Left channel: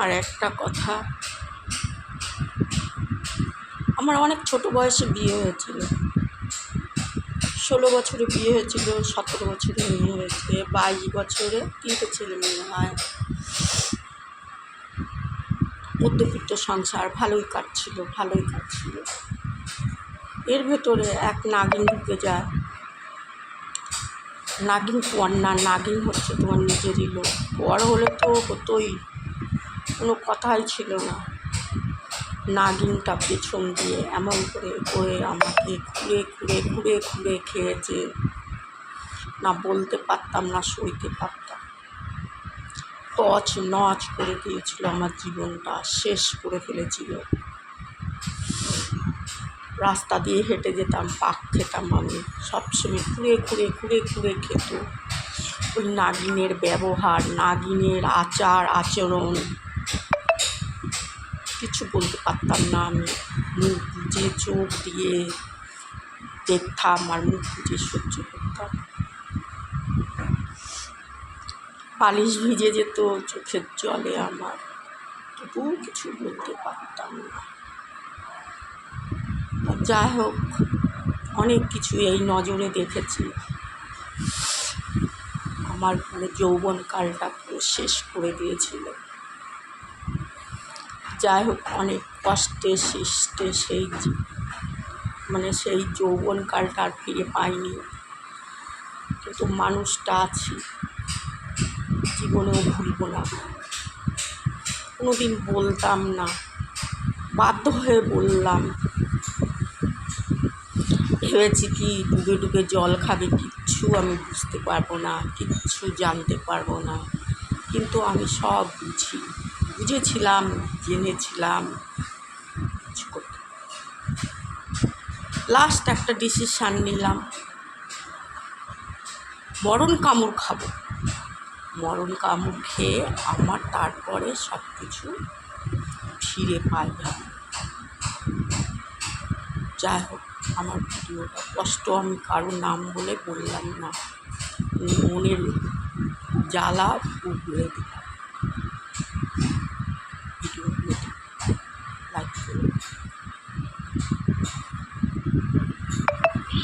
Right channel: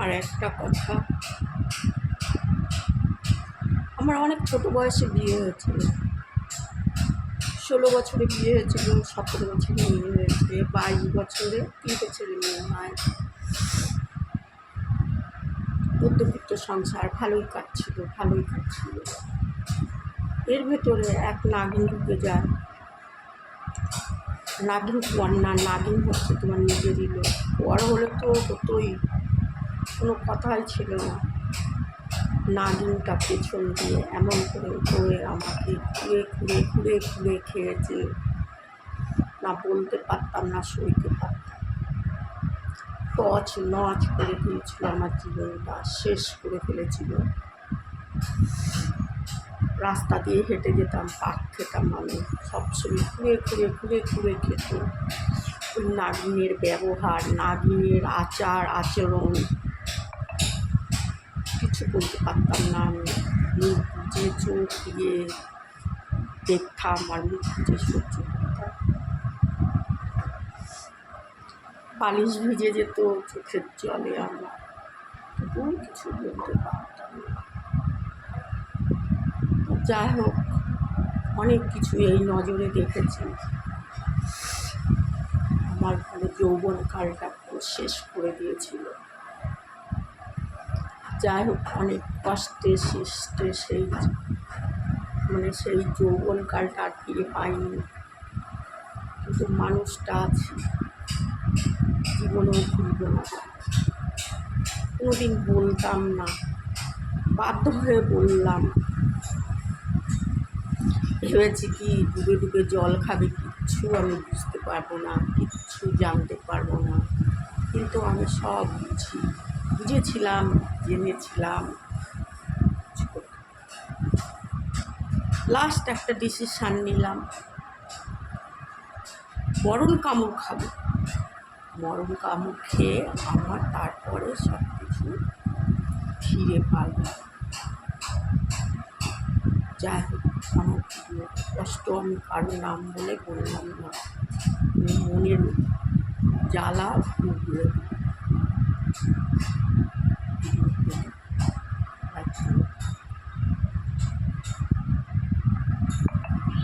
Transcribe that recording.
আর একটা কথা, আমার অনেক ছোট বয়সে বিয়ে হয়েছিল। 16 বছরে বিয়ে হয়েছিল, 17 বছরে মেয়ে হয়েছে, 22 বছরে 3টে ছেলে মেয়ে হয়। মধ্যবিত্ত সংসার, ভালোই কাটছিল। এর ভেতরে এক নাগিন ঢুকে যায়। নাগিন পর না, নাগিন হচ্ছে তোমার নিজেরই লোক। পর হলে তো হতোই, কোনো কথাই ছিল না। নাগিনটা পেছন দিয়ে এমন করে করে আমাকে খুঁড়ে খেয়েছে। না বলতে পারতাম, না সইতে পারতাম। তছ নছ করে দিয়েছিল, আমার জীবনটা শেষ করে ফেলেছিল। রাস্তা দিয়ে হেঁটে যেতাম, পাক খেতাম আমি। সবসময় খুঁড়ে খেত। ওই নাগিনের ব্যবহার, নাগিনের আচরণ কিছু বলতে পারতাম না আমি। মুখ বুজে চোখ দিয়ে দেখতাম আর মুখ বুজে সহ্য করতাম। বালিশ ভিজে যেত চোখের জলে আমার, তবুও কিছু বলতে পারতাম না। যাই হোক, অনেক কিছু এই নজরে দেখেছি। আমার যৌবনকালটা পুরো শেষ করে দিয়েছিল। যাই হোক, অনেক কষ্টে সৃষ্টে সেই যৌবনকালটা আর ফিরে পাইনি, কিন্তু মানুষটা আছি, জীবনেও ভুলব না। কোনোদিন বলতাম না, বাধ্য হয়ে বললাম। ভেবেছি কি ডুবে জল খাবে, কিচ্ছু আমি বুঝতে পারবো না, কিচ্ছু জানতে পারবো না। কিন্তু আমি সব বুঝেছিলাম, জেনেছিলাম। লাস্ট একটা ডিসিশান নিলাম, মরণ কামড় খাবো। মরণ কামড় খেয়ে আমার তারপরে সব কিছু ফিরে পাইবে। যাই হোক, আমার ভিডিওটা কষ্ট আমি কারো নাম বলে বললাম না, মনের জ্বালা ভুগলে ভিডিওগুলো